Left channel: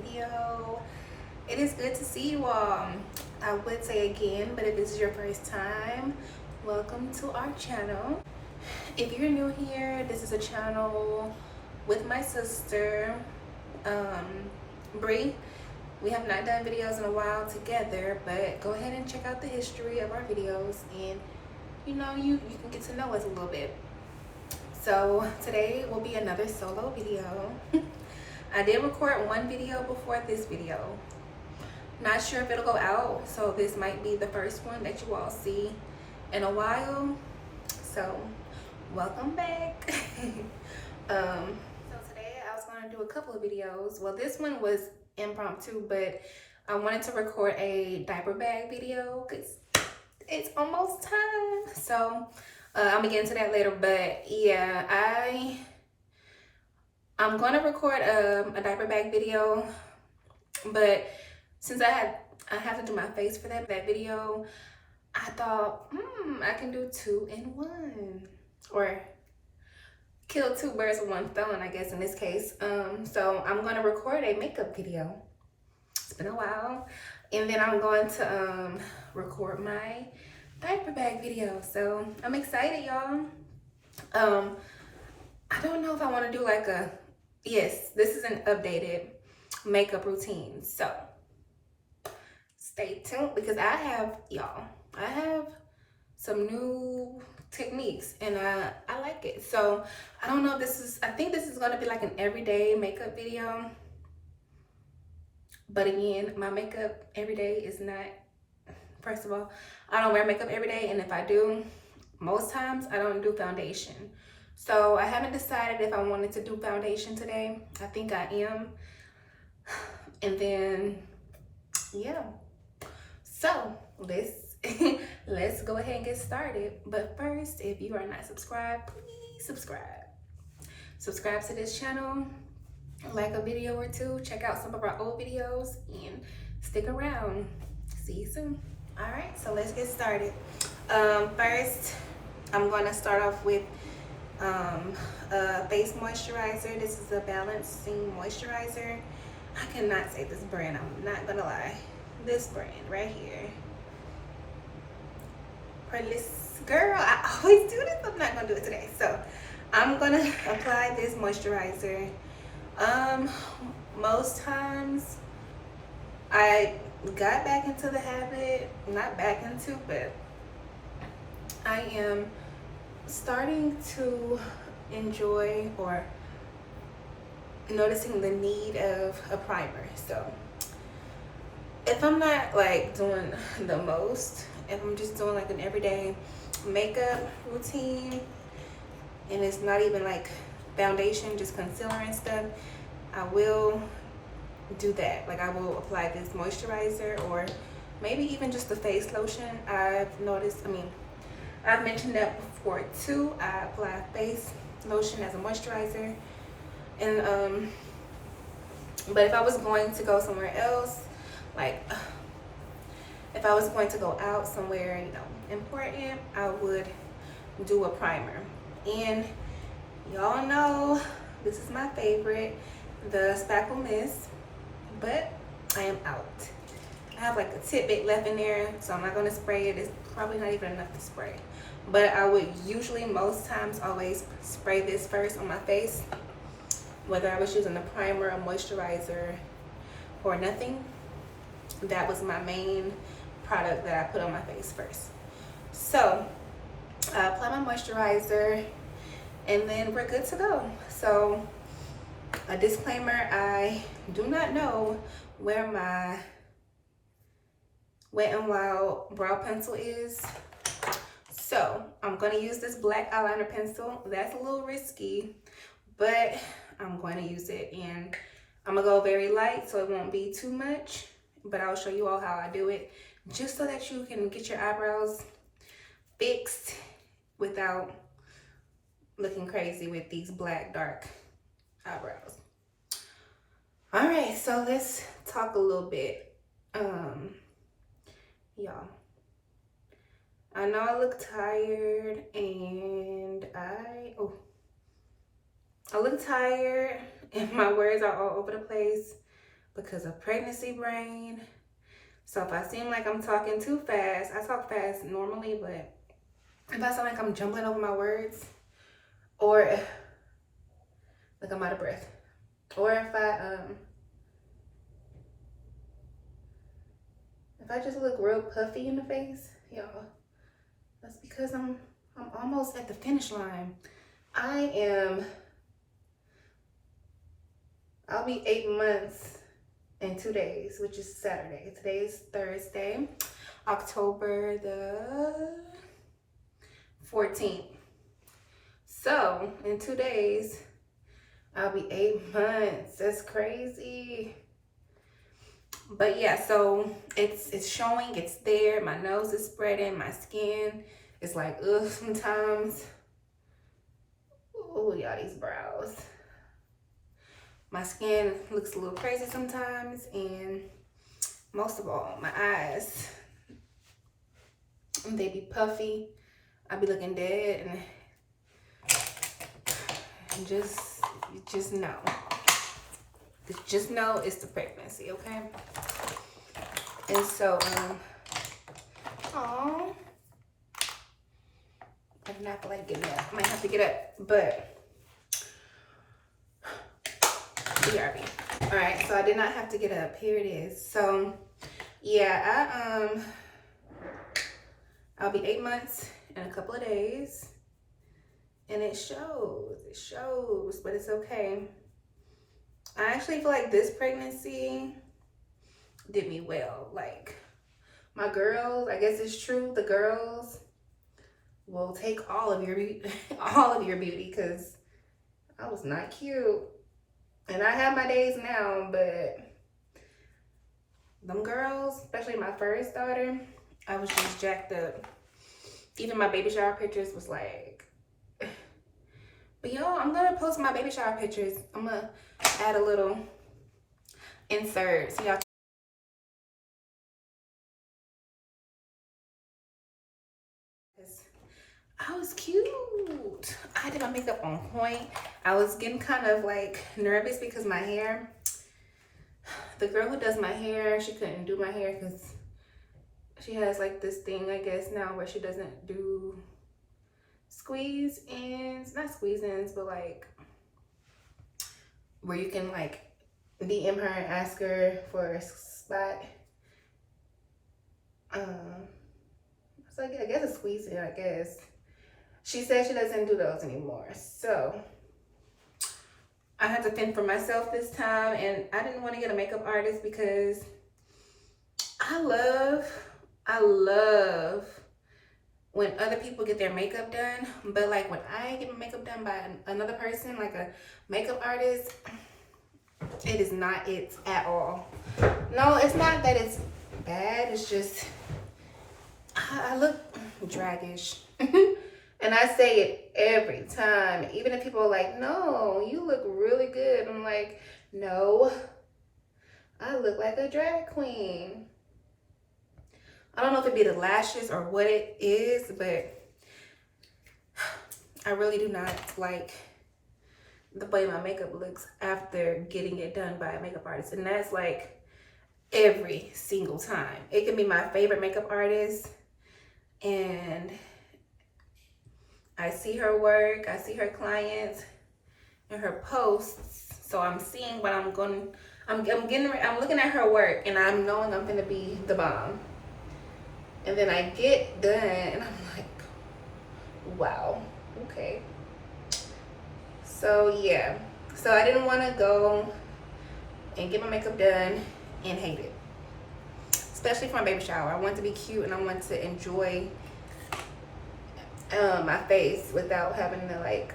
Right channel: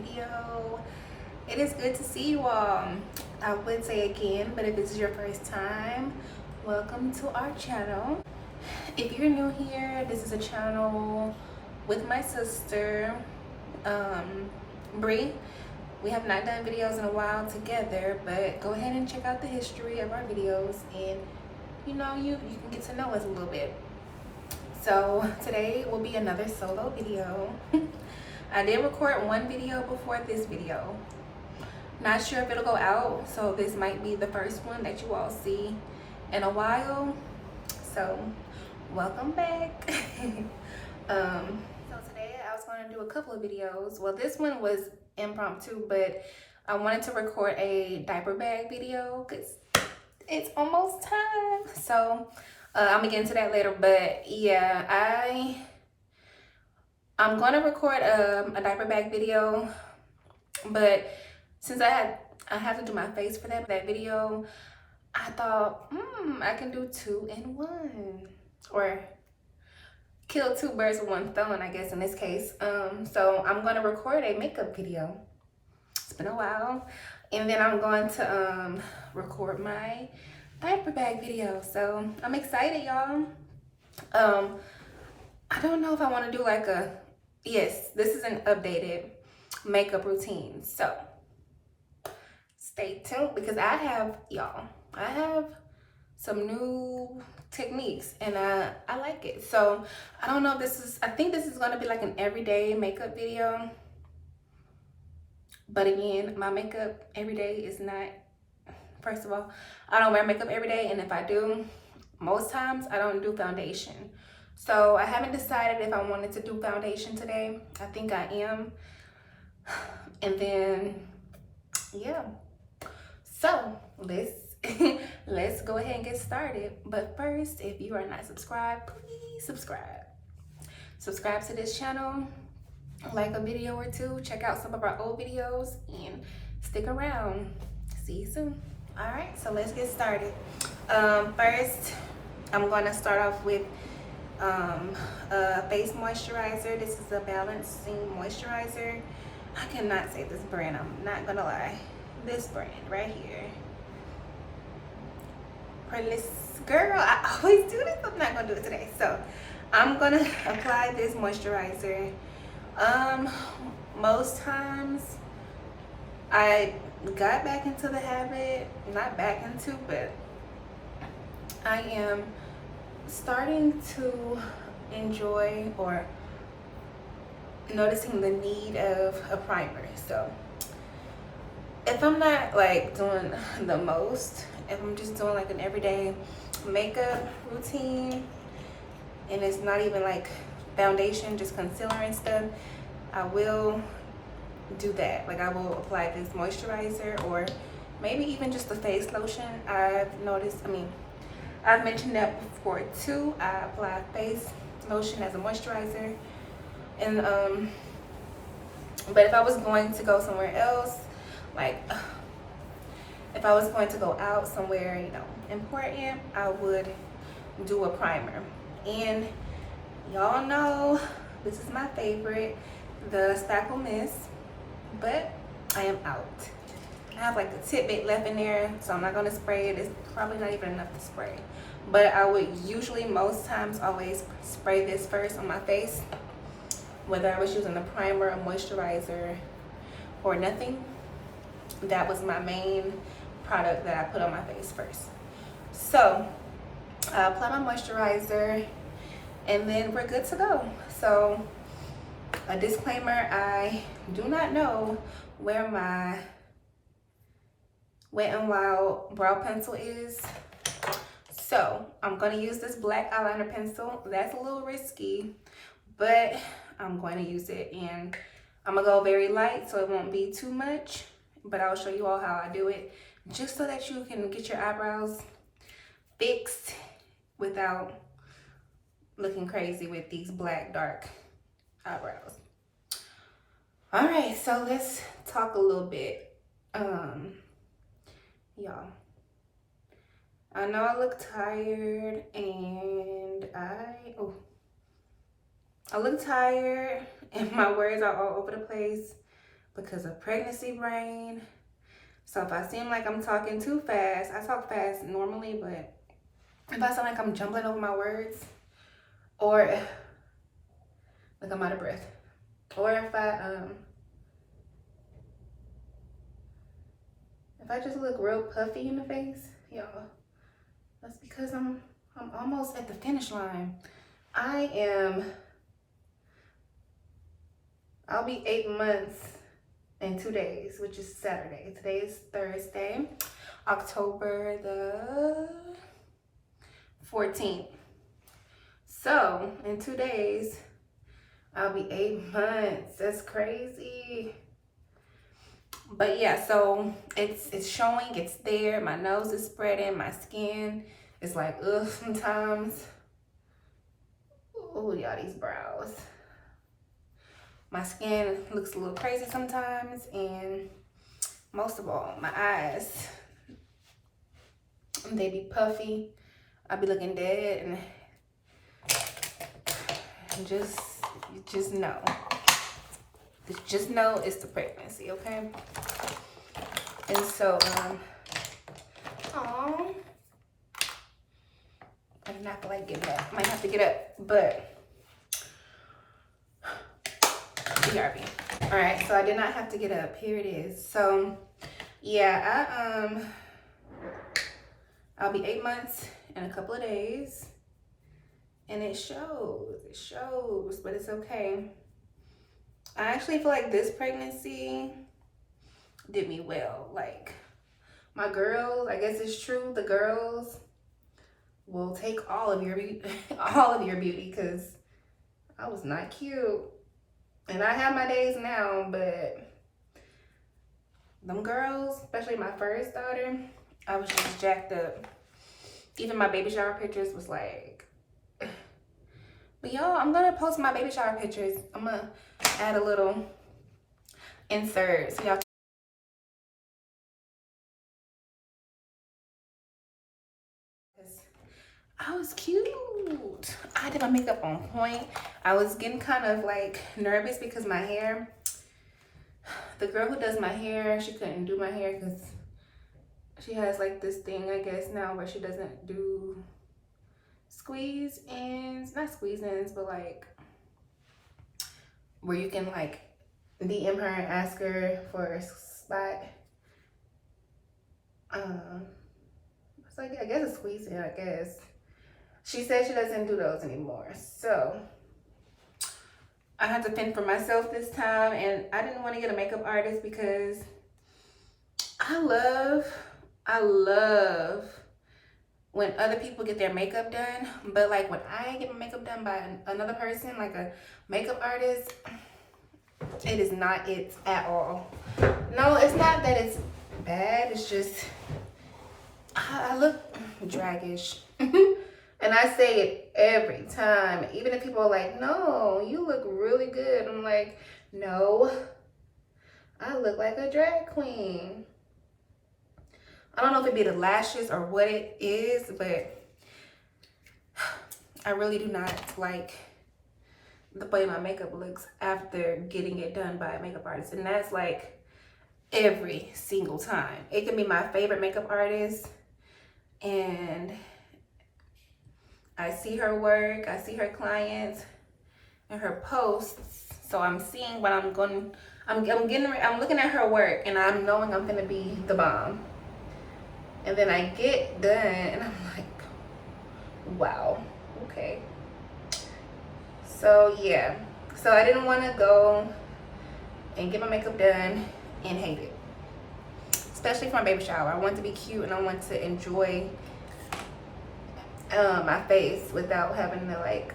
video. It is good to see you all. I would say again, but if this is your first time, welcome to our channel. If you're new here, this is a channel with my sister, Brea. We have not done videos in a while together, but go ahead and check out the history of our videos, and you can get to know us a little bit. So today will be another solo video. I did record one video before this video. Not sure if it'll go out, so this might be the first one that you all see in a while. So welcome back. So today I was going to do a couple of videos. Well, this one was impromptu, but I wanted to record a diaper bag video because it's almost time. So I'll get into that later, but yeah, I'm going to record a diaper bag video, but since I had to do my face for that video, I thought, I can do 2 in 1, or kill 2 birds with 1 stone, I guess in this case. So I'm going to record a makeup video. It's been a while, and then I'm going to record my diaper bag video. So I'm excited, y'all. I don't know if I want to do like yes, this is an updated makeup routine, so stay tuned because I have some new techniques, and I like it. So I don't know if I think this is going to be like an everyday makeup video, but again, my makeup every day is not, first of all, I don't wear makeup every day, and if I do, most times I don't do foundation. So I haven't decided if I wanted to do foundation today. I think I am. And then, yeah. So let's go ahead and get started. But first, if you are not subscribed, please subscribe. Subscribe to this channel, like a video or 2, check out some of our old videos, and stick around. See you soon. All right, so let's get started. First, I'm going to start off with a face moisturizer. This is a balancing moisturizer. I cannot say this brand, I'm not gonna lie. This brand right here. Girl, I always do this. I'm not gonna do it today. So I'm gonna apply this moisturizer. Most times I got back into the habit, not back into, but I am starting to enjoy or noticing the need of a primer. So if I'm not like doing the most, if I'm just doing like an everyday makeup routine, and it's not even like foundation, just concealer and stuff, I will do that. Like I will apply this moisturizer, or maybe even just a face lotion. I've mentioned that before too. I apply face lotion as a moisturizer, and but if I was going to go somewhere else, like if I was going to go out somewhere, important, I would do a primer. And y'all know this is my favorite, the Spackle Mist, but I am out. I have like a tidbit left in there, so I'm not gonna spray it. It's probably not even enough to spray, but I would usually, most times, always spray this first on my face, whether I was using a primer, a moisturizer, or nothing. That was my main product that I put on my face first. So I apply my moisturizer, and then we're good to go. So a disclaimer, I do not know where my Wet n Wild brow pencil is. So I'm going to use this black eyeliner pencil. That's a little risky, but I'm going to use it, and I'm going to go very light so it won't be too much, but I'll show you all how I do it, just so that you can get your eyebrows fixed without looking crazy with these black dark eyebrows. All right, so let's talk a little bit. Y'all, I know I look tired, and I look tired and my words are all over the place, because of pregnancy brain. So if I seem like I'm talking too fast, I talk fast normally, but if I sound like I'm jumbling over my words, or like I'm out of breath, or if I just look real puffy in the face, y'all, that's because I'm almost at the finish line. I'll be 8 months in 2 days, which is Saturday. Today is Thursday, October the 14th. So in 2 days, I'll be 8 months. That's crazy. But yeah, so it's showing, it's there. My nose is spreading, my skin is like, ugh, sometimes. Oh, y'all, these brows. My skin looks a little crazy sometimes, and most of all, my eyes, they be puffy. I be looking dead, and just know. Just know it's the pregnancy, okay? And so, I do not feel like getting up. Might have to get up, but BRB. All right, so I did not have to get up. Here it is. So, yeah, I'll be 8 months in a couple of days, and it shows, but it's okay. I actually feel like this pregnancy did me well. Like, my girls, I guess it's true, the girls will take all of your beauty, because I was not cute. And I have my days now, but them girls, especially my first daughter, I was just jacked up. Even my baby shower pictures was like, but y'all, I'm gonna post my baby shower pictures. I'm gonna add a little insert so y'all. I was cute. I did my makeup on point. I was getting kind of like nervous because my hair, the girl who does my hair, she couldn't do my hair because she has like this thing, I guess, now where she doesn't do squeeze ins, not squeeze ins, but like where you can like DM her and ask her for a spot. It's like, I guess a squeeze in, I guess. She said she doesn't do those anymore. So I had to fend for myself this time, and I didn't want to get a makeup artist because I love when other people get their makeup done, but like when I get my makeup done by another person, like a makeup artist, it is not it at all. No, it's not that it's bad, it's just I look draggish. And I say it every time, even if people are like, no, you look really good. I'm like, no, I look like a drag queen. I don't know if it be the lashes or what it is, but I really do not like the way my makeup looks after getting it done by a makeup artist. And that's like every single time. It can be my favorite makeup artist, and I see her work, I see her clients and her posts. So I'm seeing what I'm looking at her work, and I'm knowing I'm gonna be the bomb. And then I get done and I'm like, wow, okay. So yeah, so I didn't want to go and get my makeup done and hate it, especially for my baby shower. I want to be cute and I want to enjoy my face without having to like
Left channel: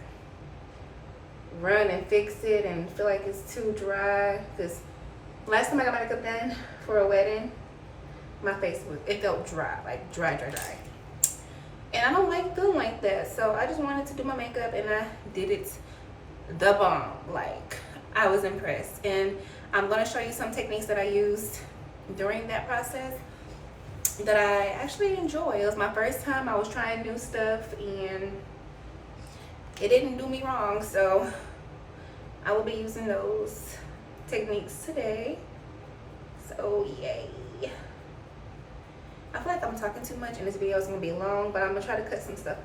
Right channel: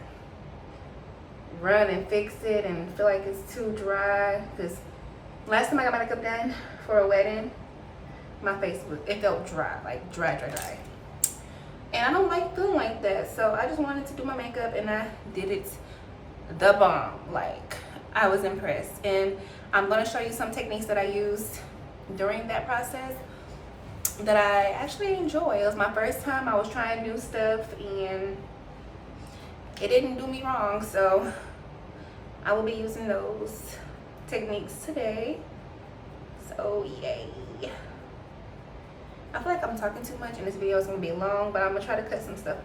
run and fix it and feel like it's too dry. Because last time I got my makeup done for a wedding, my face felt dry, like dry. And I don't like feeling like that, so I just wanted to do my makeup, and I did it the bomb. Like, I was impressed, and I'm gonna show you some techniques that I used during that process that I actually enjoy. It was my first time. I was trying new stuff, and it didn't do me wrong, so I will be using those techniques today. So yay. I feel like I'm talking too much and this video is gonna be long, but I'm gonna try to cut some stuff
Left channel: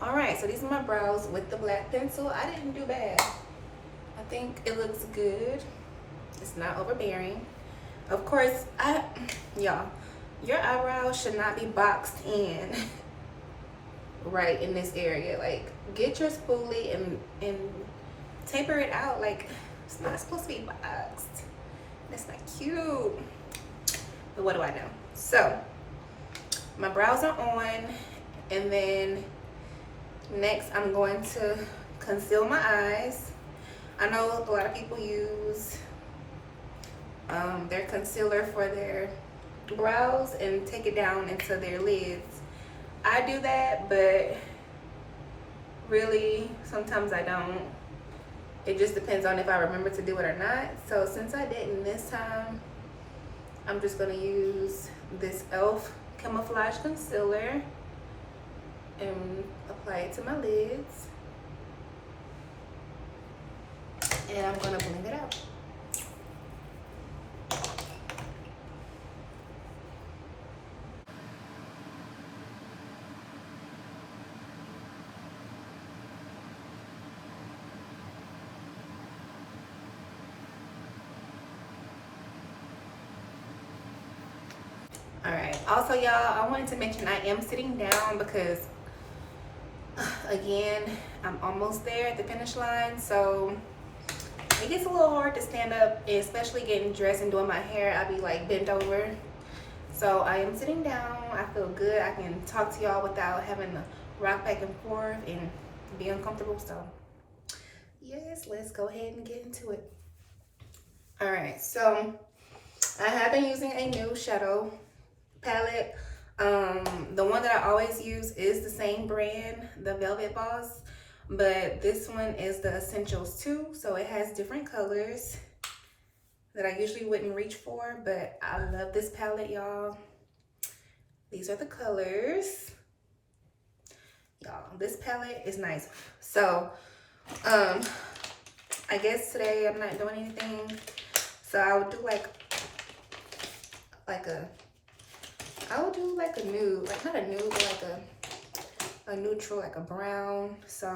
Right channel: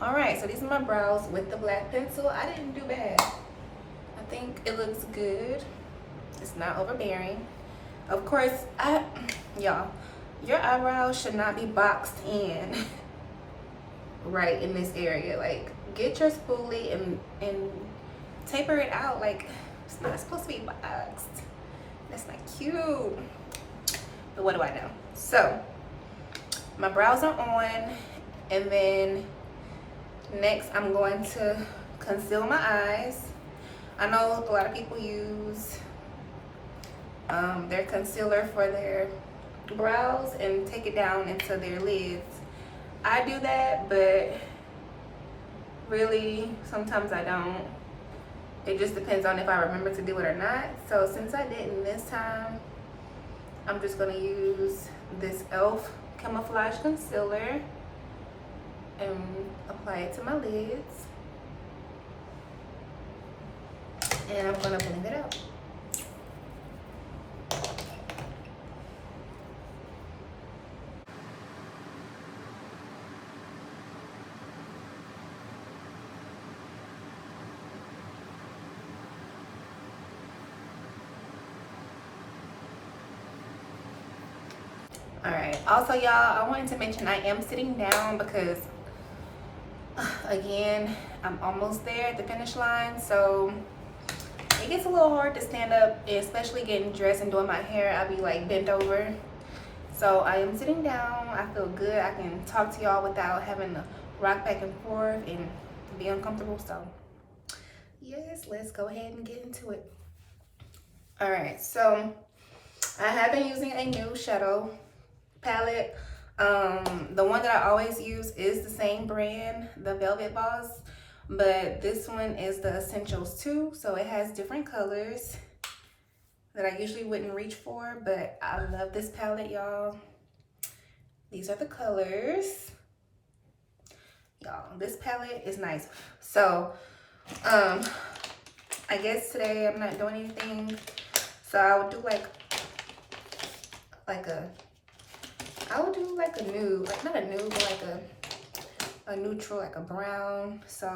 out. All right, so these are my brows with the black pencil. I didn't do bad. I think it looks good. It's not overbearing. Of course, y'all, your eyebrows should not be boxed in right in this area. Like, get your spoolie and taper it out. Like, it's not supposed to be boxed. That's not cute. But what do I know? So, my brows are on, and then next I'm going to conceal my eyes. I know a lot of people use their concealer for their brows and take it down into their lids. I do that, but really sometimes I don't. It just depends on if I remember to do it or not. So since I didn't this time, I'm just gonna use this e.l.f. camouflage concealer and apply it to my lids. And I'm gonna blend it out. All right, also y'all, I wanted to mention I am sitting down because again, I'm almost there at the finish line, so it gets a little hard to stand up, especially getting dressed and doing my hair. I'll be like bent over. So I am sitting down. I feel good. I can talk to y'all without having to rock back and forth and be uncomfortable. So yes, let's go ahead and get into it. All right, so I have been using a new shadow palette. The one that I always use is the same brand, the Velvet Boss, but this one is the Essentials 2, so it has different colors that I usually wouldn't reach for, but I love this palette, y'all. These are the colors. Y'all, this palette is nice. So, I guess today I'm not doing anything, so I would do like a nude, like not a nude, but like a neutral, like a brown. So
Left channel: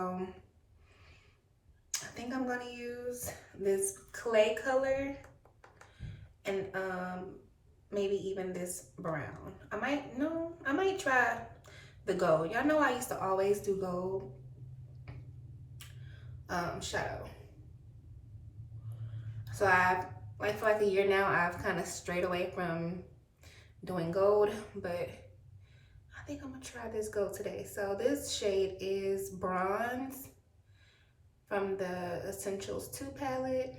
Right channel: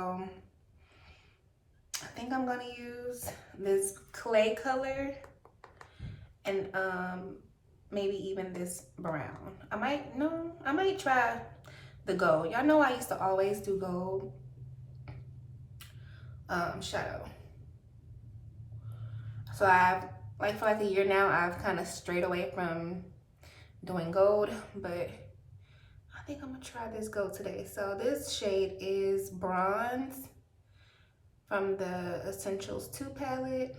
I think I'm gonna use this clay color and maybe even this brown. I might try the gold. Y'all know I used to always do gold shadow. So I've, like, for like a year now, I've kind of strayed away from doing gold, but I think I'm gonna try this gold today. So this shade is Bronze from the Essentials 2 palette.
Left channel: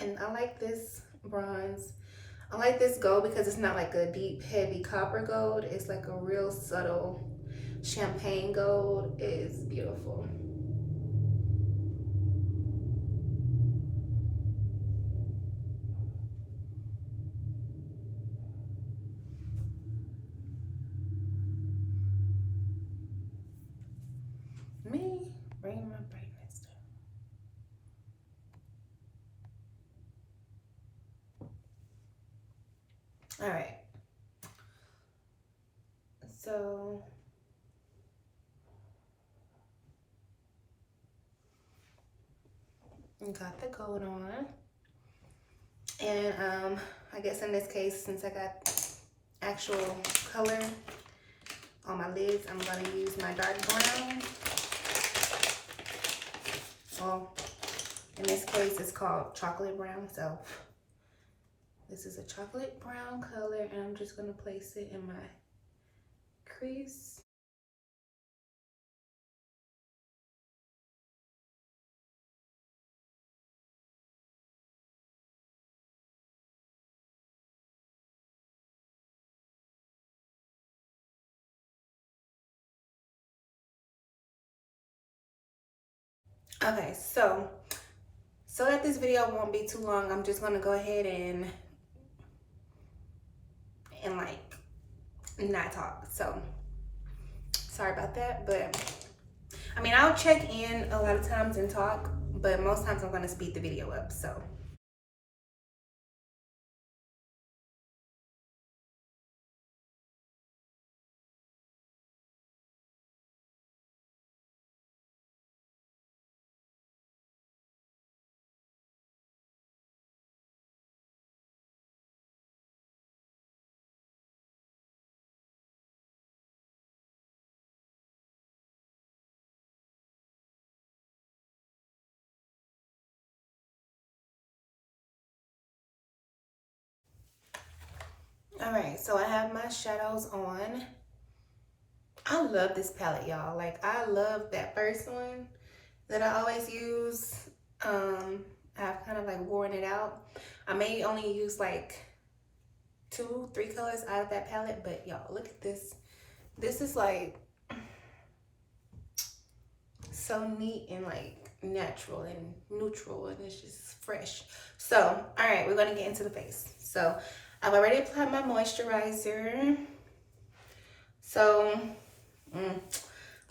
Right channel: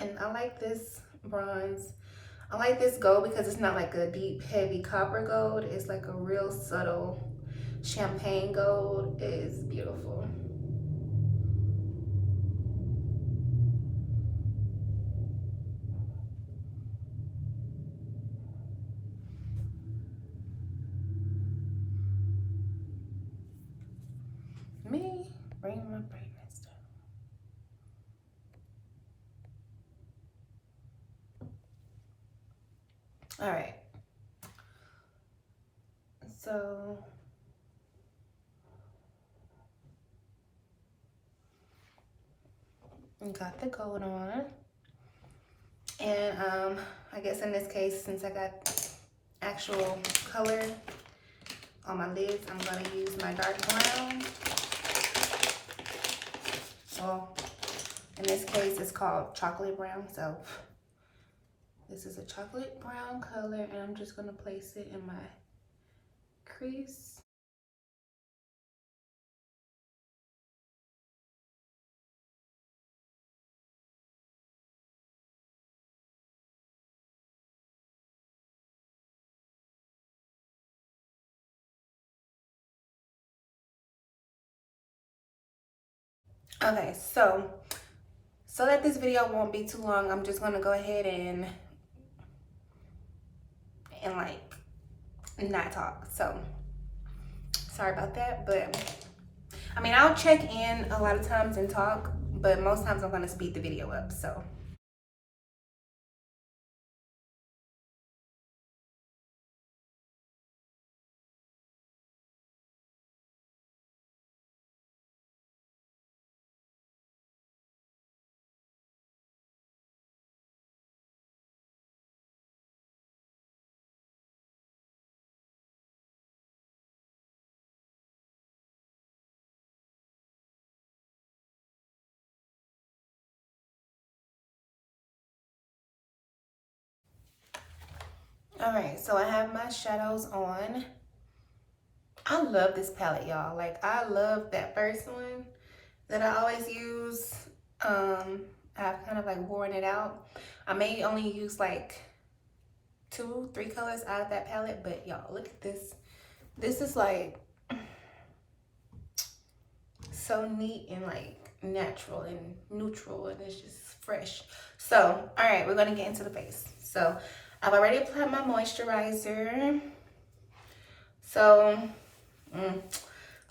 And I like this bronze. I like this gold because it's not like a deep, heavy copper gold. It's like a real subtle champagne gold. It's beautiful. Me, bring my brightness down. All right. So got the gold on, and I guess in this case, since I got actual color on my lids, I'm gonna use my dark brown. Well, in this case, it's called chocolate brown, so this is a chocolate brown color, and I'm just gonna place it in my crease. Okay, so that this video won't be too long, I'm just gonna go ahead and like not talk. So sorry about that, but I mean, I'll check in a lot of times and talk, but most times I'm gonna speed the video up, so. All right, so I have my shadows on. I love this palette, y'all. Like, I love that first one that I always use. I've kind of like worn it out. I may only use like 2-3 colors out of that palette, but y'all, look at this. This is like so neat and like natural and neutral, and it's just fresh. So, all right, we're gonna get into the face. So, I've already applied my moisturizer. So,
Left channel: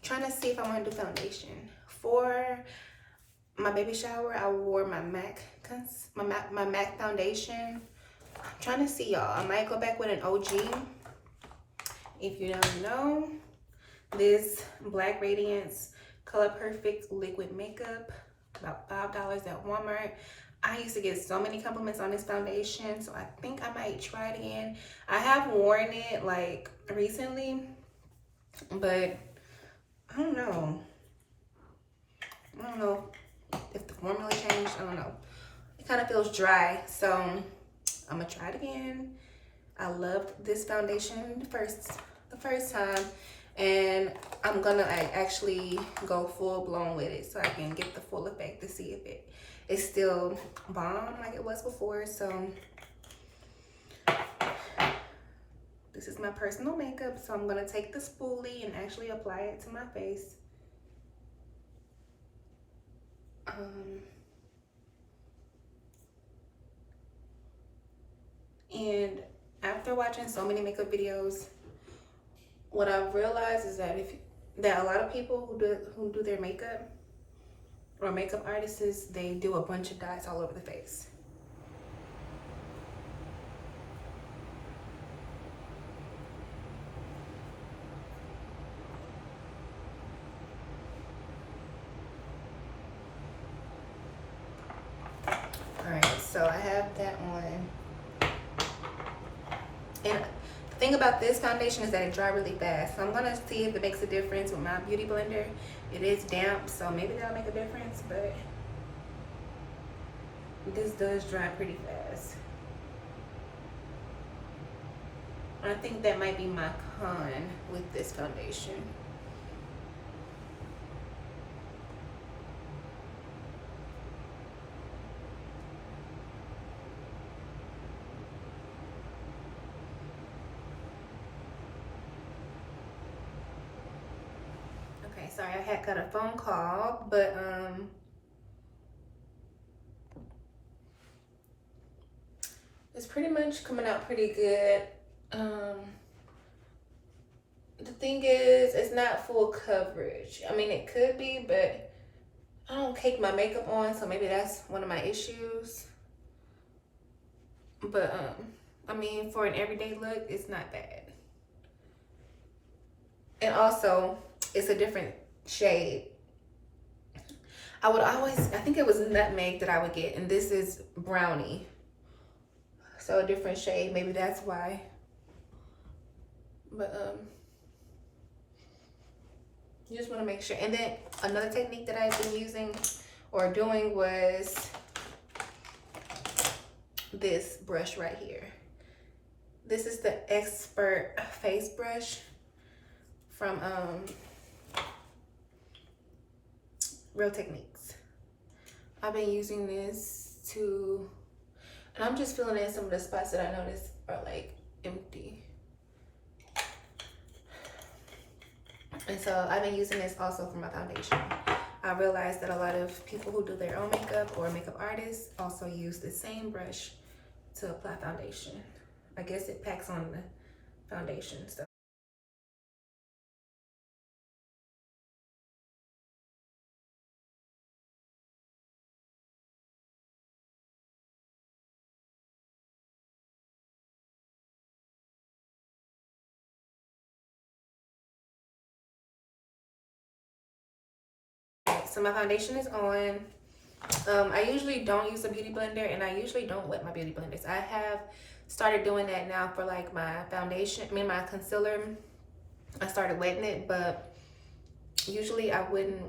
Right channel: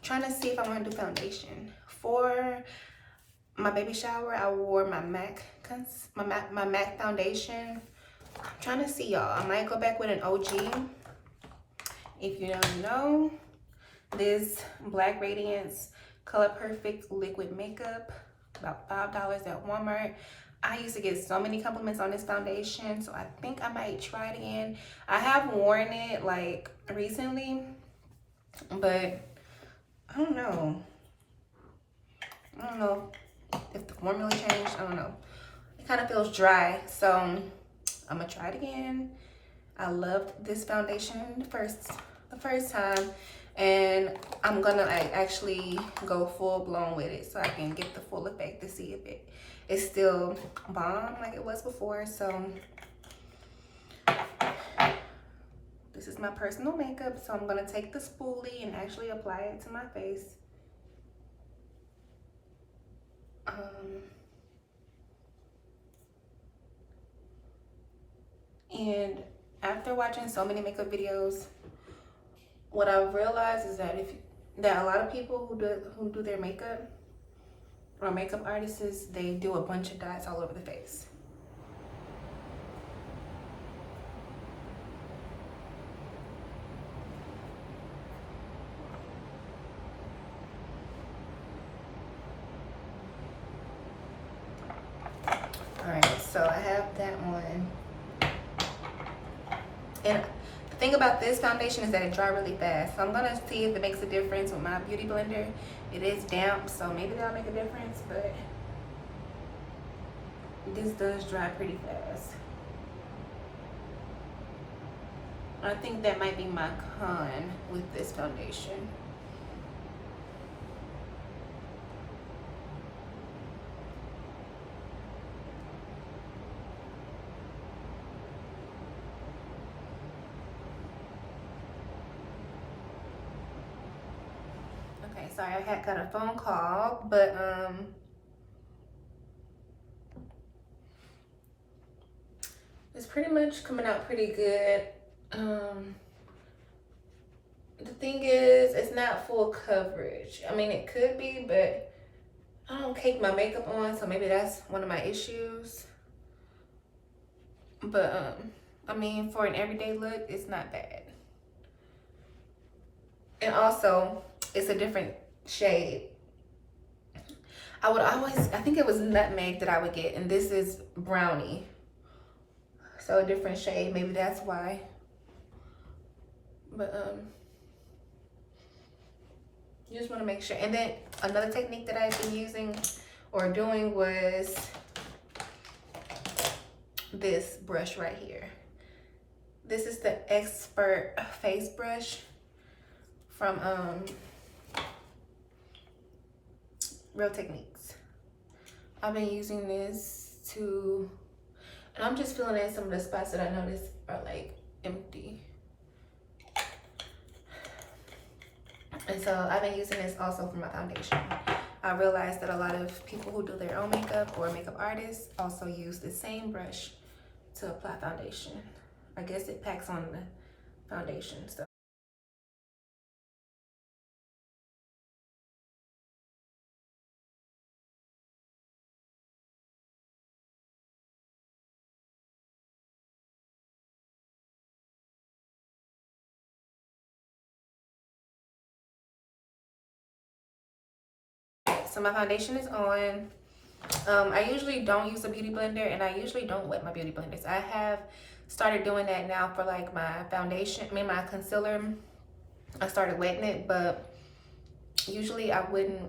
trying to see if I want to do foundation. For my baby shower, I wore my MAC foundation. I'm trying to see, y'all. I might go back with an OG. If you don't know, this Black Radiance Color Perfect liquid makeup, about $5 at Walmart. I used to get so many compliments on this foundation, so I think I might try it again. I have worn it like recently, but I don't know. I don't know if the formula changed. I don't know. It kind of feels dry, so I'm gonna try it again. I loved this foundation the first time, and I'm gonna actually go full blown with it so I can get the full effect to see if it is still bomb like it was before. So this is my personal makeup, so I'm gonna take the spoolie and actually apply it to my face. And after watching so many makeup videos, what I've realized is that a lot of people who do their makeup, or makeup artists, they do a bunch of dots all over the face. All right, so I have that on. And the thing about this foundation is that it dries really fast. So I'm gonna see if it makes a difference with my beauty blender. It is damp, so maybe that'll make a difference, but this does dry pretty fast. I think that might be my con with this foundation. Okay, sorry, I had got a phone call, but it's pretty much coming out pretty good. The thing is, it's not full coverage. I mean, it could be, but I don't cake my makeup on, so maybe that's one of my issues. But I mean, for an everyday look, it's not bad. And also, it's a different shade. I think it was nutmeg that I would get, and this is brownie. So a different shade, maybe that's why. But you just want to make sure. And then another technique that I've been using or doing was this brush right here. This is the Expert Face Brush from Real Techniques. I've been using this to, and I'm just filling in some of the spots that I noticed are like empty. And so I've been using this also for my foundation. I realized that a lot of people who do their own makeup or makeup artists also use the same brush to apply foundation. I guess it packs on the foundation. So so my foundation is on. I usually don't use a beauty blender, and I usually don't wet my beauty blenders. I have started doing that now for like my foundation, my concealer. I started wetting it, but usually I wouldn't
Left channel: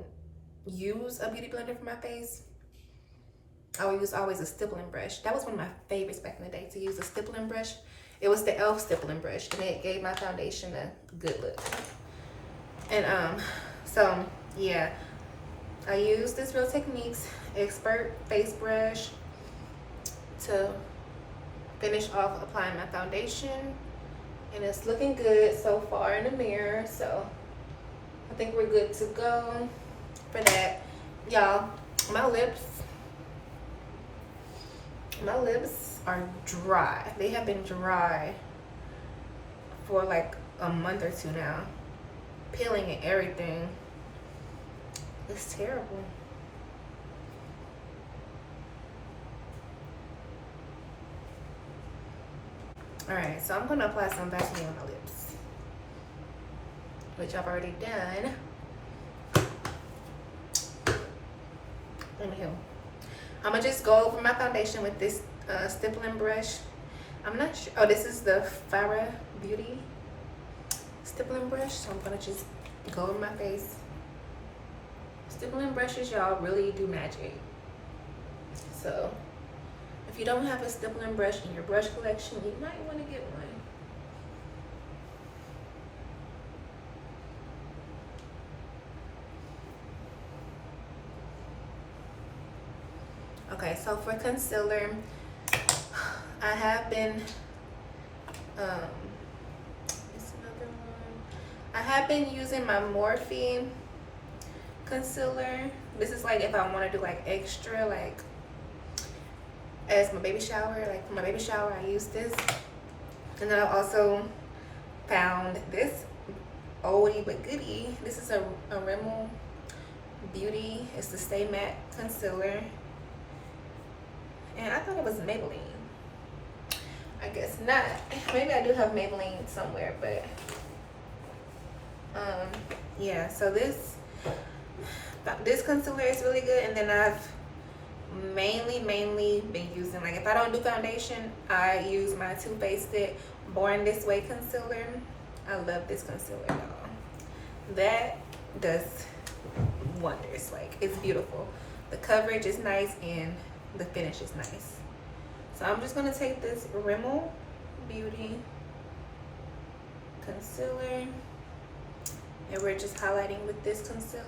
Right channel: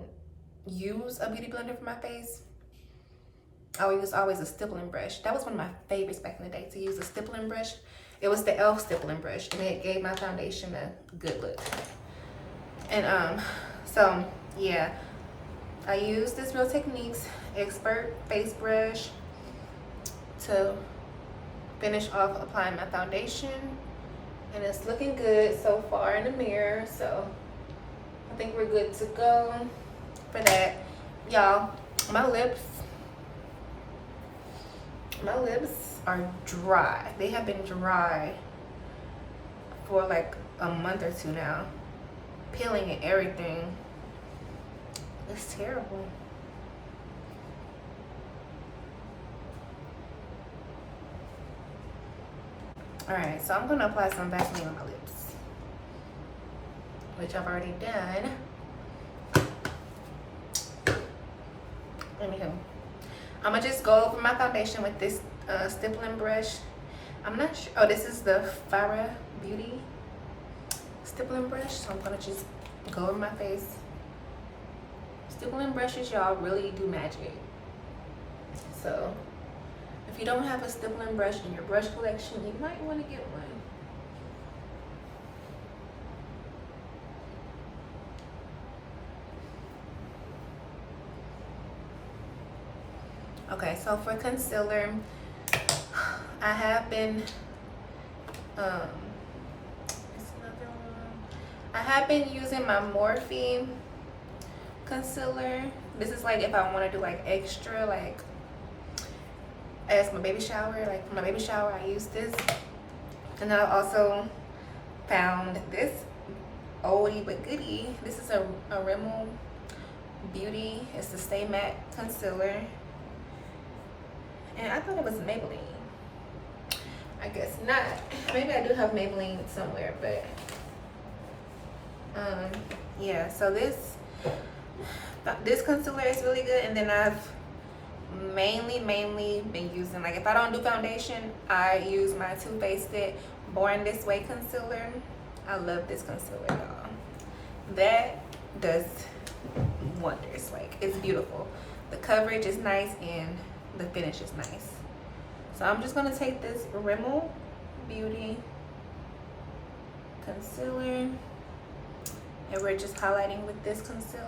use a beauty blender for my face. I would use always a stippling brush. That was one of my favorites back in the day, to use a stippling brush. It was the e.l.f. stippling brush, and it gave my foundation a good look. And so yeah, I use this Real Techniques Expert Face Brush to finish off applying my foundation, and it's looking good so far in the mirror. So I think we're good to go for that. Y'all, my lips are dry. They have been dry for like a month or two now. Peeling and everything. It's terrible. Alright, so I'm gonna apply some Vaseline on my lips, which I've already done. Anywho, I'm gonna just go over my foundation with this stippling brush. I'm not sure. Oh, this is the Farah Beauty stippling brush. So I'm gonna just go over my face. Stippling brushes, y'all, really do magic. So if you don't have a stippling brush in your brush collection, you might want to get one. Okay, so for concealer, I have been it's another one. I have been using my Morphe concealer. This is like if I want to do like extra, like as my baby shower. Like for my baby shower, I use this. And then I also found this oldie but goodie. This is a Rimmel Beauty. It's the Stay Matte concealer. And I thought it was Maybelline. I guess not. Maybe I do have Maybelline somewhere, but yeah. So this concealer is really good. And then I've mainly been using, like if I don't do foundation, I use my Too Faced Born This Way concealer. I love this concealer, y'all. That does wonders. Like, it's beautiful. The coverage is nice and the finish is nice. So I'm just gonna take this Rimmel Beauty concealer, and we're just highlighting with this concealer.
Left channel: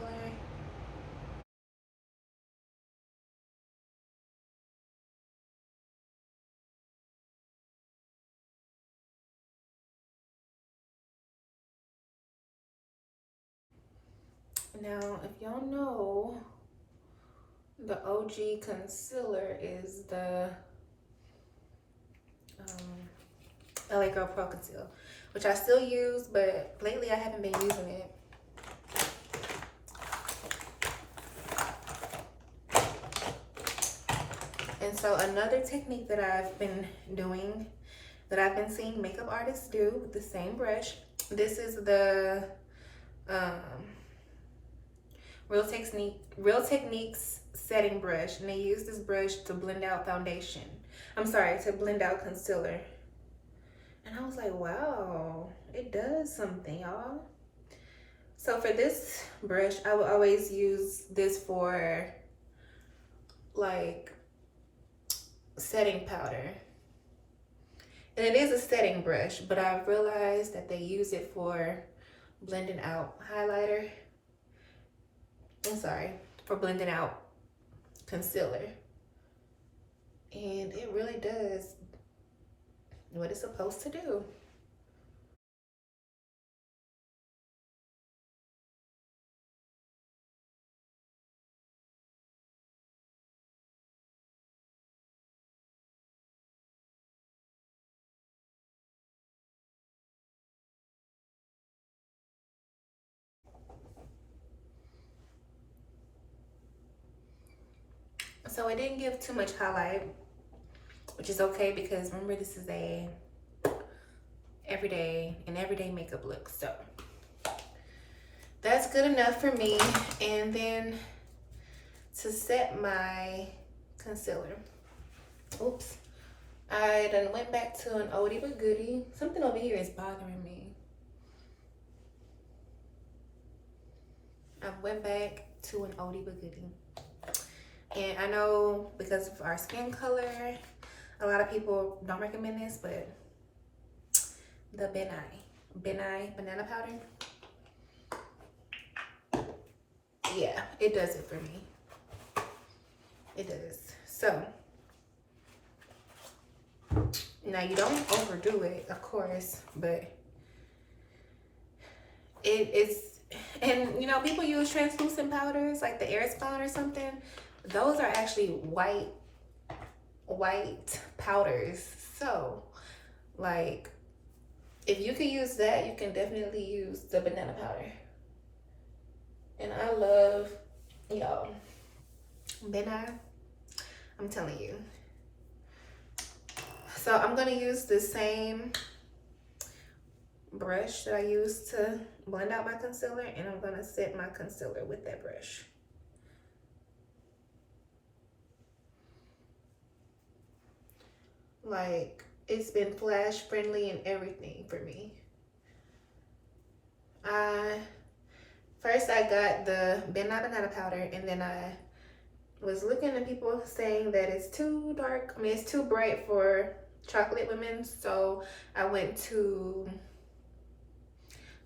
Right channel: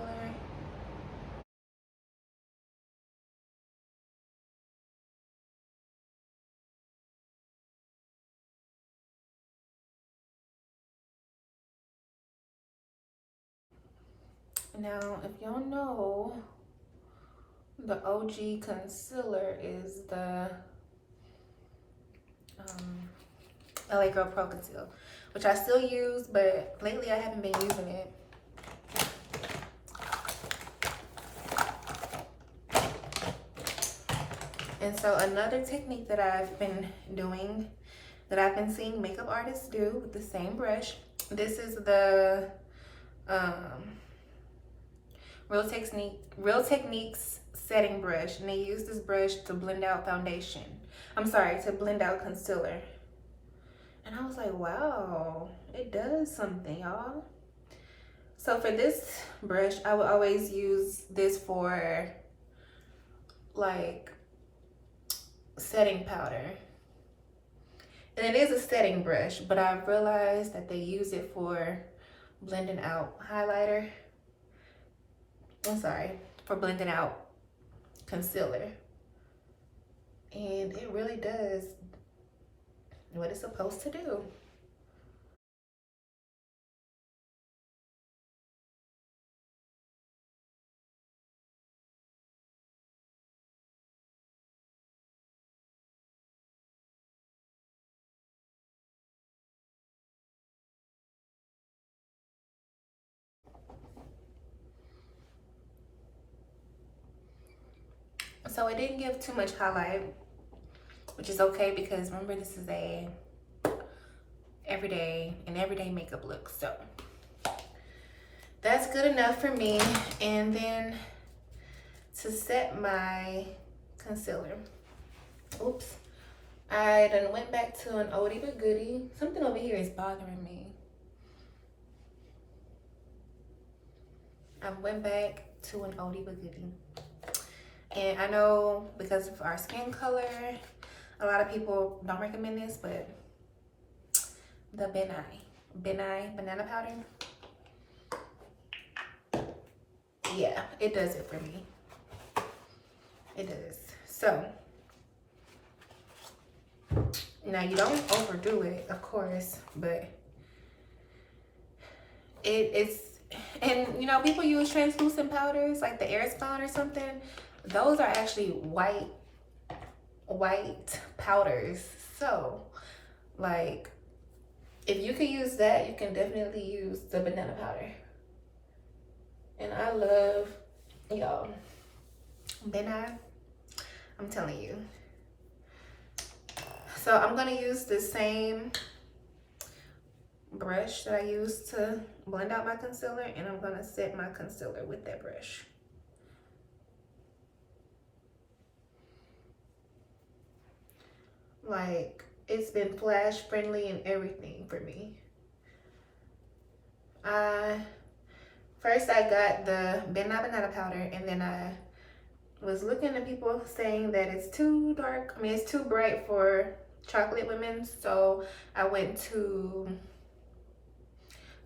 Now, if y'all know, the OG concealer is the LA Girl Pro Conceal, which I still use, but lately I haven't been using it. And so another technique that I've been doing, that I've been seeing makeup artists do with the same brush, this is the Real Techniques setting brush, and they use this brush to blend out foundation. I'm sorry, to blend out concealer. And I was like, wow, it does something, y'all. So for this brush, I would always use this for like setting powder. And it is a setting brush, but I realized that they use it for blending out highlighter. I'm sorry, for blending out concealer. And it really does what it's supposed to do. So it didn't give too much highlight, which is okay, because remember, this is a everyday makeup look. So that's good enough for me. And then to set my concealer. Oops. I done went back to an oldie but goodie. Something over here is bothering me. I went back to an oldie but goodie. And I know because of our skin color, a lot of people don't recommend this, but the Brea&Nee banana powder. Yeah, it does it for me. It does. So, now you don't overdo it, of course, but it's, and you know, people use translucent powders like the Airspun or something. Those are actually white powders. So, like, if you can use that, you can definitely use the banana powder. And I love, y'all, Brea&Nee, I'm telling you. So I'm gonna use the same brush that I used to blend out my concealer, and I'm gonna set my concealer with that brush. Like, it's been flash friendly and everything for me. First I got the Brea&Nee banana powder, and then I was looking at people saying that it's too dark. I mean, it's too bright for chocolate women. So I went to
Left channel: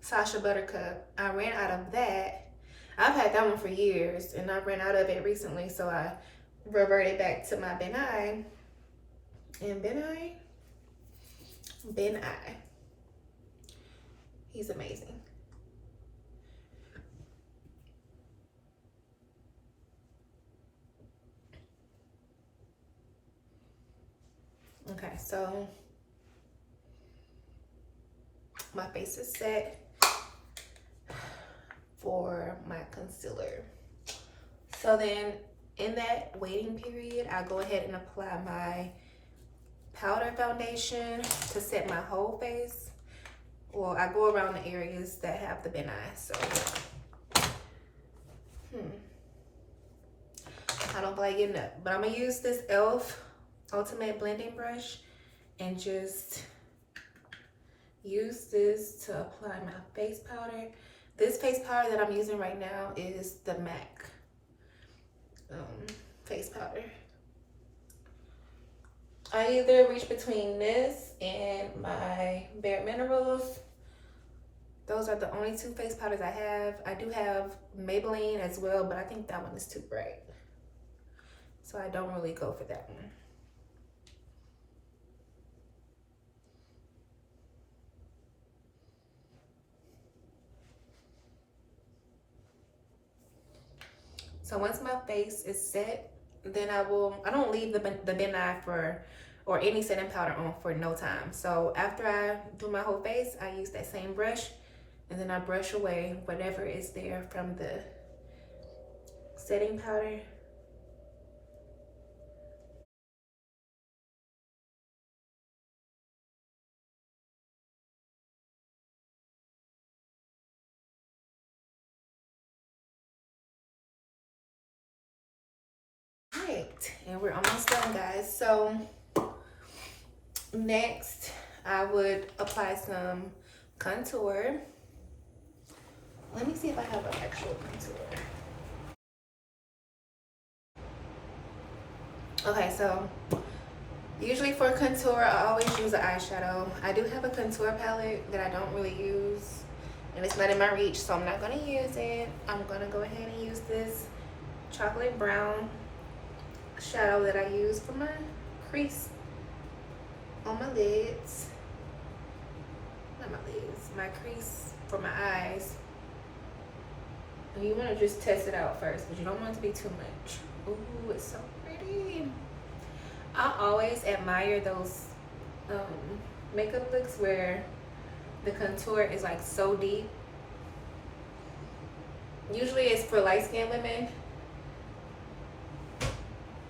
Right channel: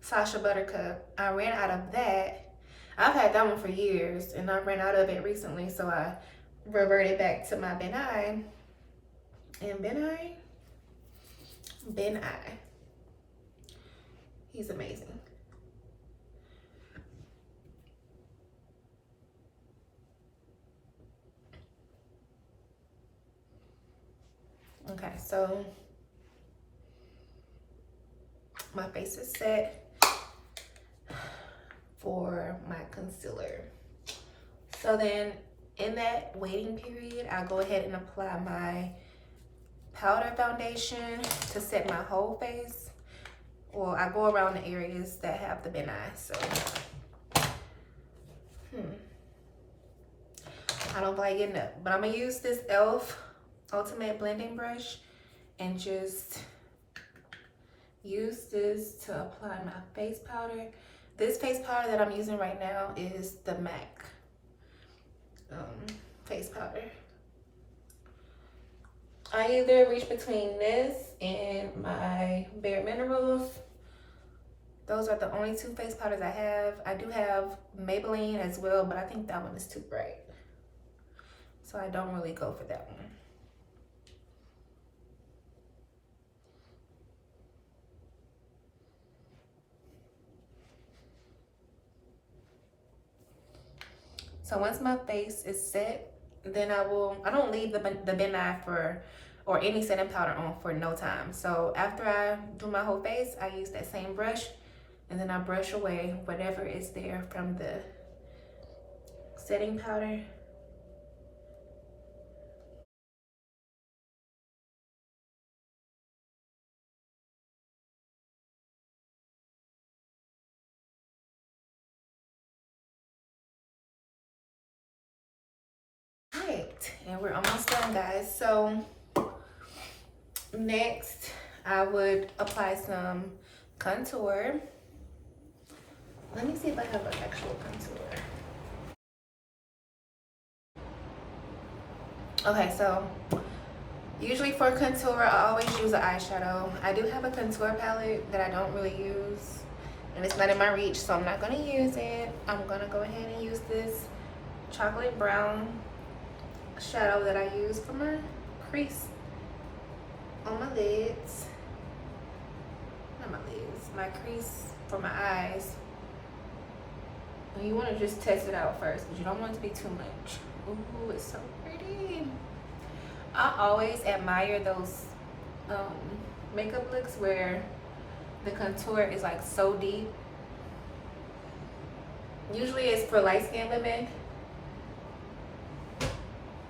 Sacha Buttercup. I ran out of that. I've had that one for years, and I ran out of it recently. So I reverted back to my Brea&Nee. And Brea&Nee, he's amazing. Okay, so my face is set for my concealer. So then in that waiting period, I'll go ahead and apply my powder foundation to set my whole face. Well, I go around the areas that have the Brea&Nee, so I don't feel like getting up, but I'm gonna use this e.l.f. Ultimate Blending Brush and just use this to apply my face powder. This face powder that I'm using right now is the MAC face powder. I either reach between this and my Bare Minerals. Those are the only two face powders I have. I do have Maybelline as well, but I think that one is too bright, so I don't really go for that one. So once my face is set, then I don't leave the Brea&Nee or any setting powder on for no time. So after I do my whole face, I use that same brush, and then I brush away whatever is there from the setting powder. Right, and we're almost done, guys. So next I would apply some contour. Let me see if I have an actual contour. Okay, so usually for contour, I always use an eyeshadow. I do have a contour palette that I don't really use, and it's not in my reach, so I'm not gonna use it. I'm gonna go ahead and use this chocolate brown shadow that I use for my crease on my lids. Not my lids, my crease for my eyes. And you want to just test it out first, but you don't want it to be too much. Ooh, it's so pretty. I always admire those makeup looks where the contour is like so deep. Usually it's for light-skinned women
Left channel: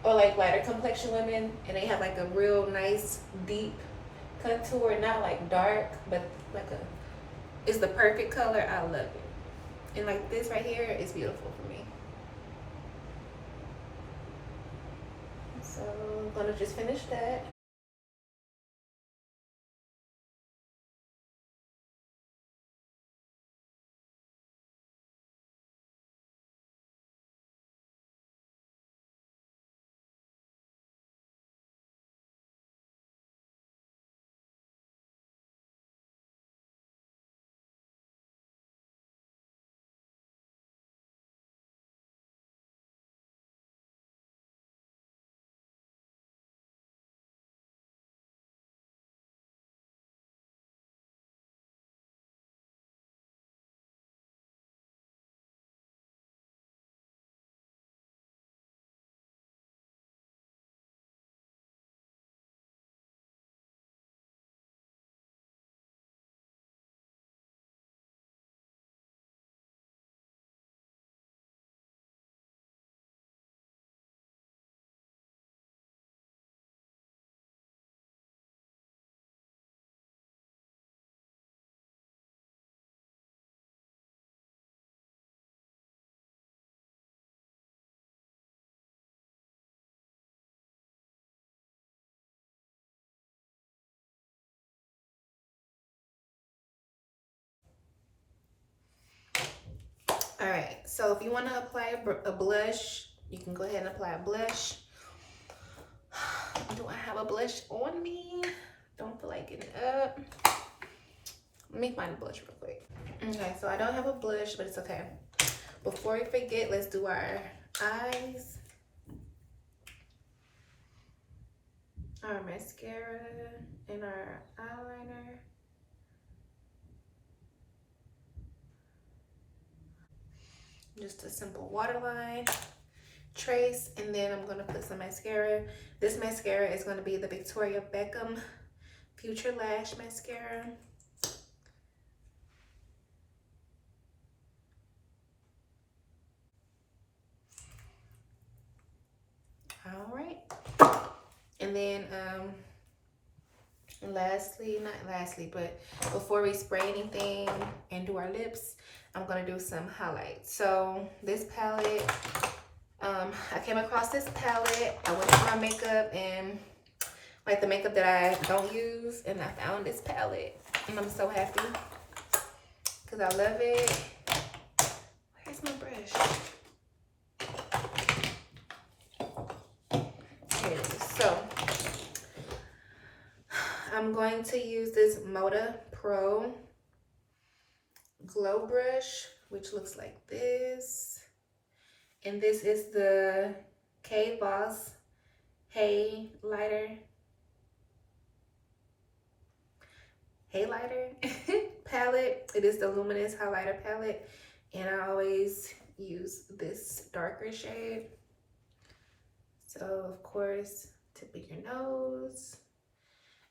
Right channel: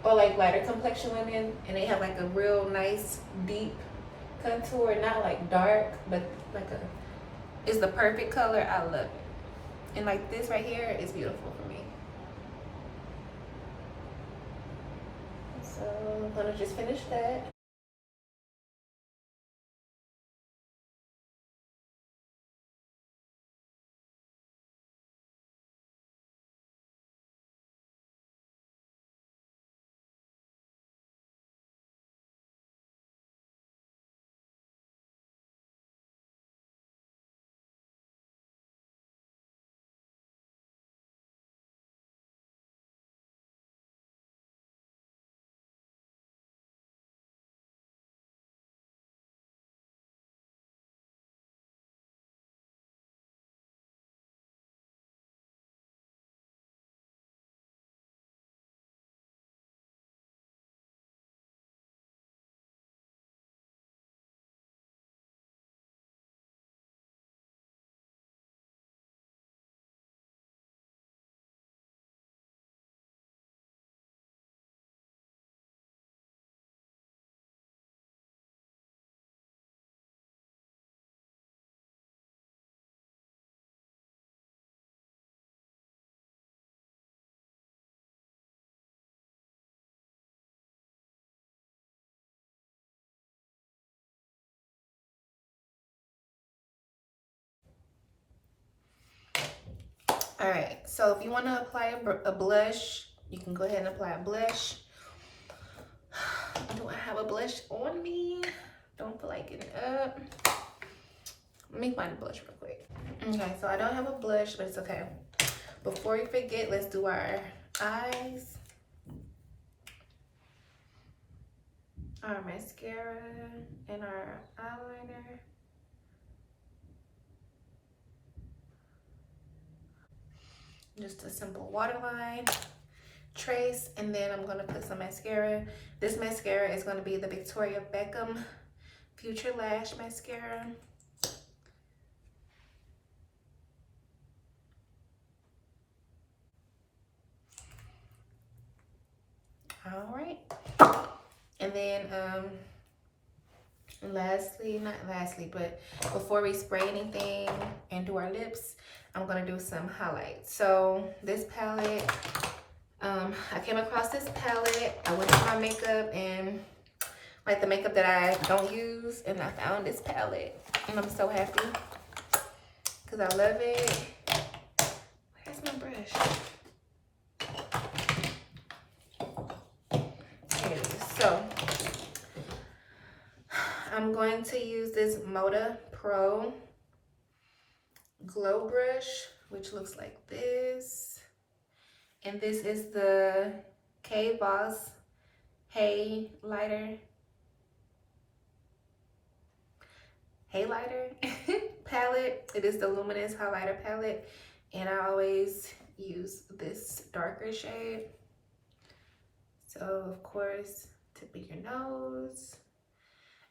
or like lighter complexion women, and they have like a real nice deep contour, not like dark, but like it's the perfect color. I love it. And like this right here is beautiful for me. So I'm gonna just finish that. All right, so if you want to apply a blush, you can go ahead and apply a blush. Do I have a blush on me? Don't feel like getting up. Let me find a blush real quick. Okay, so I don't have a blush, but it's okay. Before we forget, let's do our eyes, our mascara, and our eyeliner. Just a simple waterline, trace, and then I'm gonna put some mascara. This mascara is gonna be the Victoria Beckham Future Lash Mascara. All right, and then lastly, not lastly, but before we spray anything and do our lips, I'm gonna do some highlights. So this palette, I came across this palette. I went to my makeup and like the makeup that I don't use, and I found this palette, and I'm so happy because I love it. Where's my brush? Here it is. So I'm going to use this Moda Pro Glow Brush, which looks like this. And this is the K Boss Highlighter palette. It is the luminous highlighter palette, and I always use this darker shade. So of course, tip of your nose.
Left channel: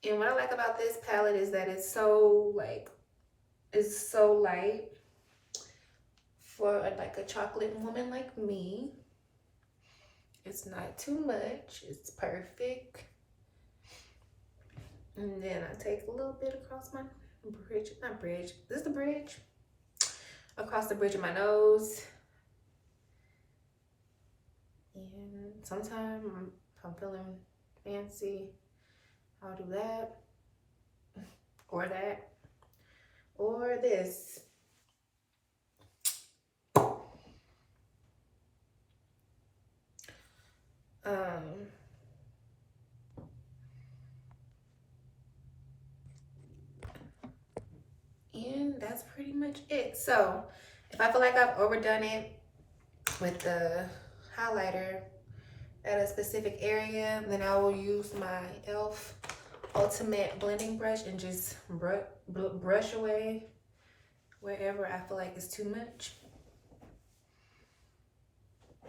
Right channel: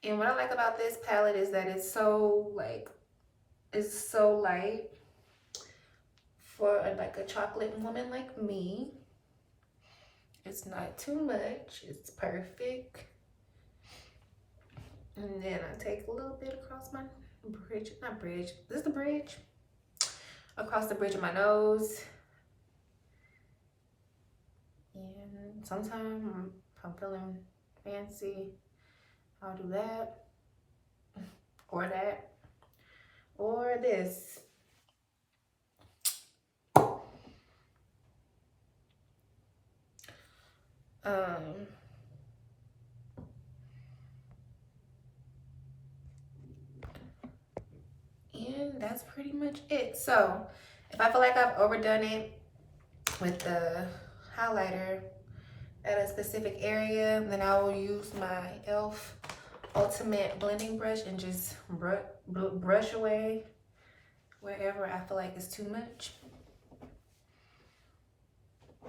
And what I like about this palette is that it's so light for like a chocolate woman like me. It's not too much, it's perfect. And then I take a little bit across my bridge, not bridge, this is the bridge, across the bridge of my nose. And sometimes if I'm feeling fancy, I'll do that, or that, or this. And that's pretty much it. So if I feel like I've overdone it with the highlighter at a specific area, then I will use my e.l.f. Ultimate Blending Brush and just brush away wherever I feel like it's too much. I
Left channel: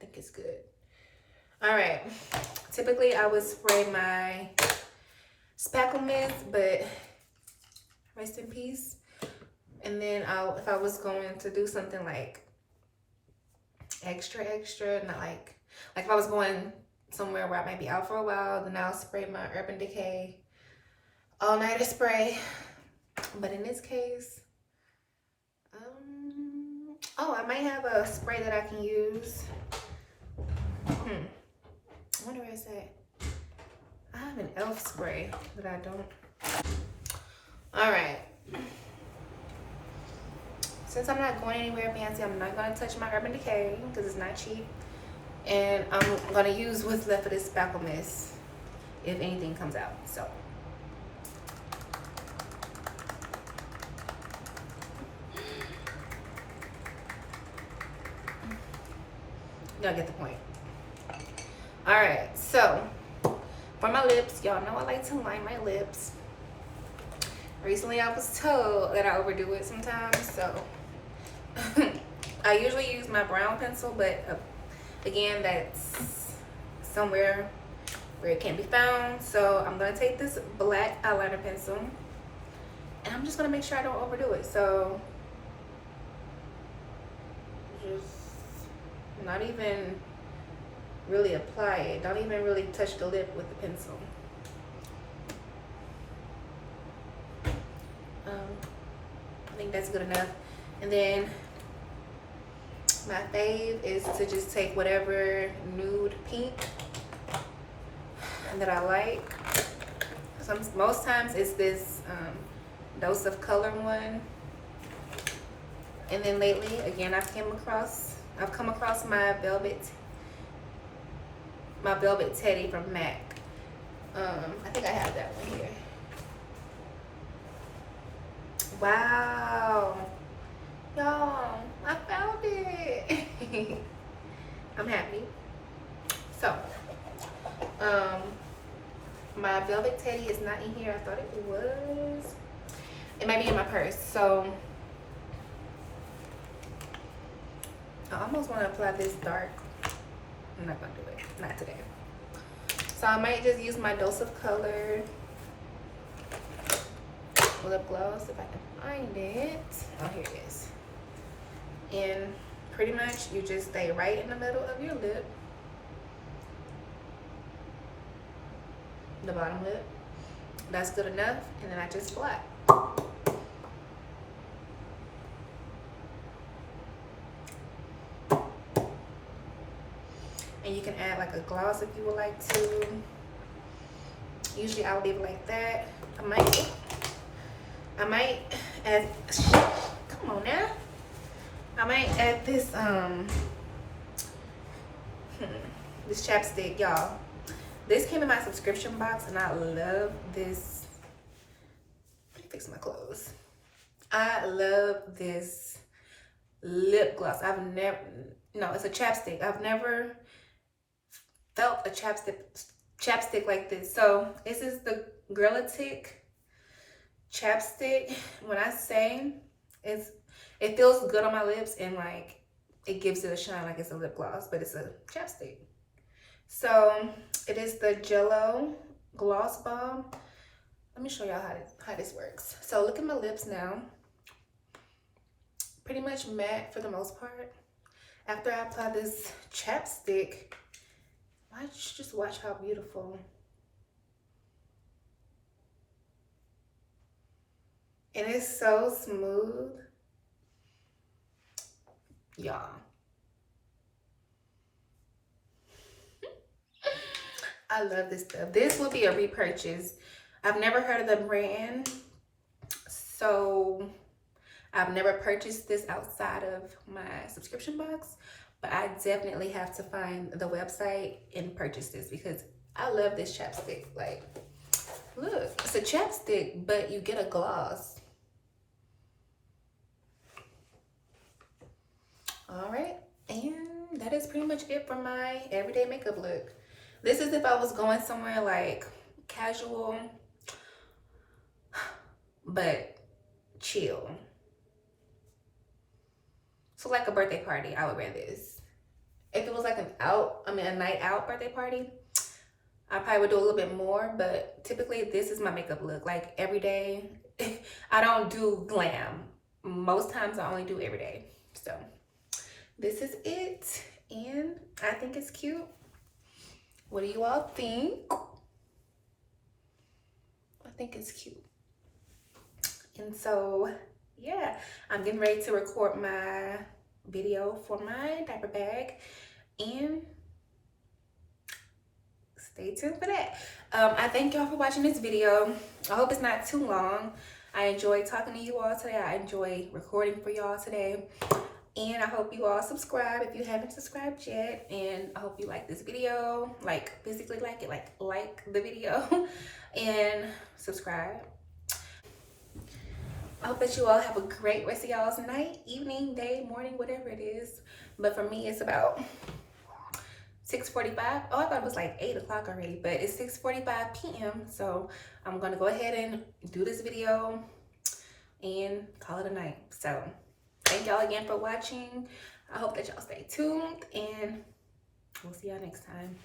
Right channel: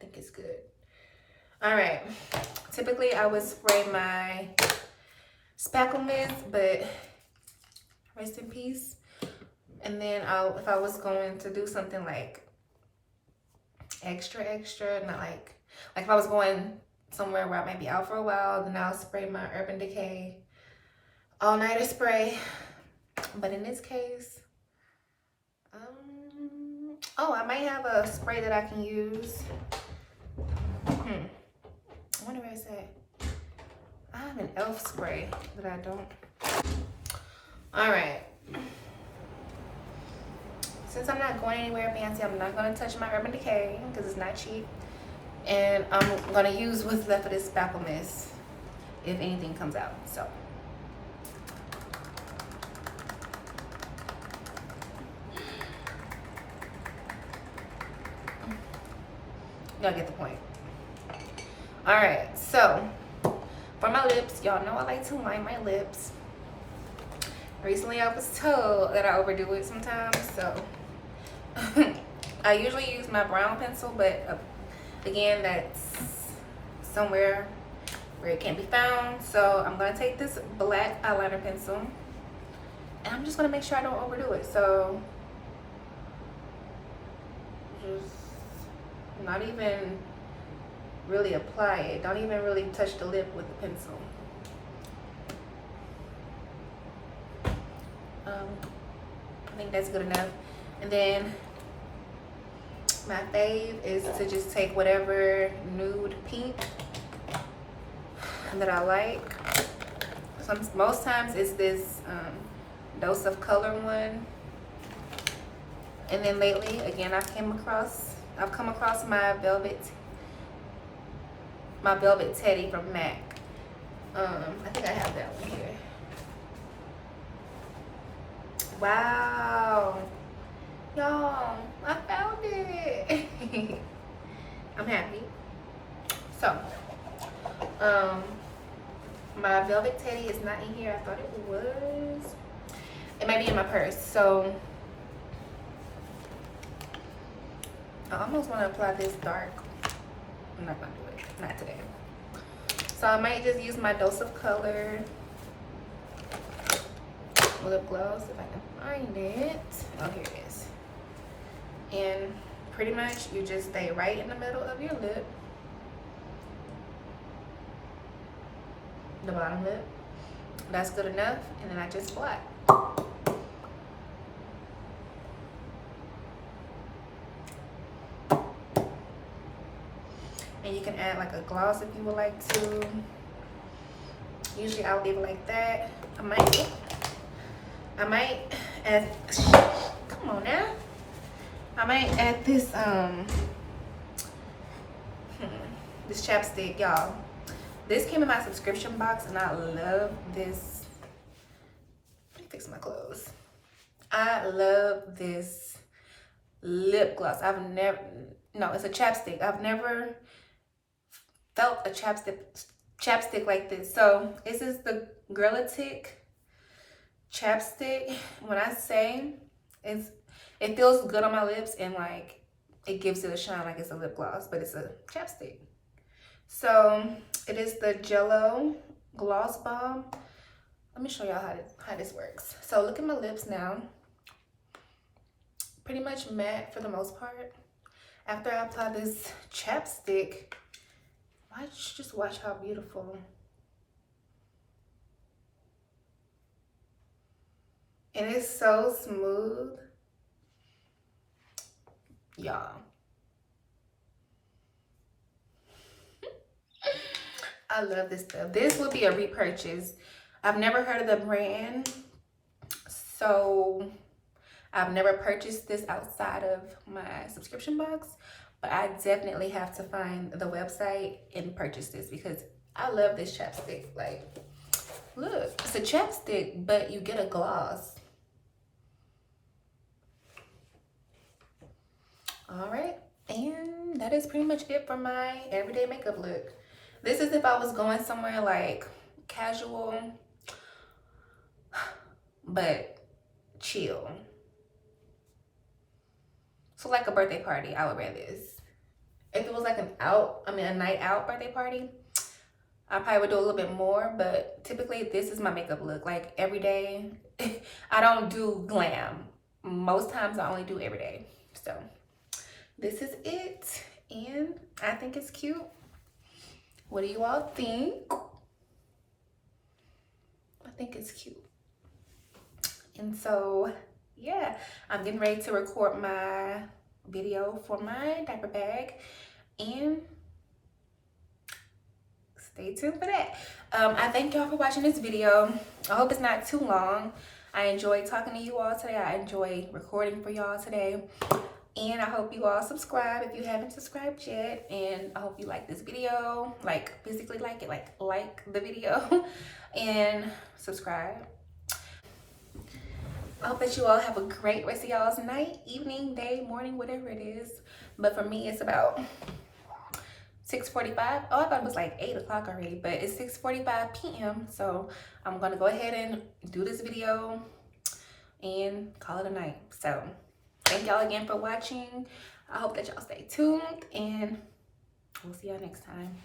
think it's good. All right, typically I would spray my spackle mist, but rest in peace. And then if I was going to do something like extra, not like if I was going somewhere where I might be out for a while, then I'll spray my Urban Decay all-nighter spray. But in this case, Oh, I might have a spray that I can use. I wonder where it's at. I have an elf spray that I don't. All right. Since I'm not going anywhere fancy, I'm not gonna touch my Urban Decay because it's not cheap. And I'm gonna use what's left of this spackle mist if anything comes out, so. Y'all get the point. All right, so for my lips, y'all know I like to line my lips. Recently, I was told that I overdo it sometimes, so I usually use my brown pencil, but again, that's somewhere where it can't be found. So I'm gonna take this black eyeliner pencil, and I'm just gonna make sure I don't overdo it. So just not even really apply it. Don't even really touch the lip with the pencil. I think that's good enough. And then my fave is to just take whatever nude pink that I like. Most times it's this Dose of Color one. And then lately, again, I've come across my Velvet Teddy from MAC. I think I have that one here. Wow, y'all, I found it. I'm happy. So, my Velvet Teddy is not in here. I thought it was. It might be in my purse. So, I almost want to apply this dark. I'm not gonna do it. Not today. So I might just use my Dose of Color lip gloss if I can find it. Oh, here it is. And pretty much you just stay right in the middle of your lip, the bottom lip. That's good enough. And then I just blot. And you can add like a gloss if you would like to. Usually I'll leave it like that. I might add, come on now. I might add this this chapstick, y'all. This came in my subscription box and I love this. Let me fix my clothes. I love this lip gloss. It's a chapstick. I've never felt a chapstick like this. So this is the Girlitic chapstick. When I say it feels good on my lips and like it gives it a shine like it's a lip gloss, but it's a chapstick. So it is the Jello Gloss Bomb. Let me show y'all how this works. So look at my lips now. Pretty much matte for the most part. After I apply this chapstick, just watch how beautiful. And it's so smooth. Y'all. I love this stuff. This will be a repurchase. I've never heard of the brand, so I've never purchased this outside of my subscription box, but I definitely have to find the website and purchase this because I love this chapstick. Like, look, it's a chapstick, but you get a gloss. All right, and that is pretty much it for my everyday makeup look. This is if I was going somewhere like casual, but chill. So like a birthday party, I would wear this. If it was like a night out birthday party, I probably would do a little bit more, but typically this is my makeup look. Like every day, I don't do glam. Most times I only do every day. So this is it, and I think it's cute. What do you all think? I think it's cute. And so, yeah, I'm getting ready to record my video for my diaper bag, and stay tuned for that. I thank y'all for watching this video. I hope it's not too long. I enjoyed talking to you all today. I enjoyed recording for y'all today. And I hope you all subscribe if you haven't subscribed yet. And I hope you like this video, like physically like it, like the video and subscribe. I hope that you all have a great rest of y'all's night, evening, day, morning, whatever it is. But for me, it's about 6:45. Oh, I thought it was like 8 o'clock already, but it's 6:45 p.m. So I'm gonna go ahead and do this video and call it a night. So thank y'all again for watching. I hope that y'all stay tuned, and we'll see y'all next time.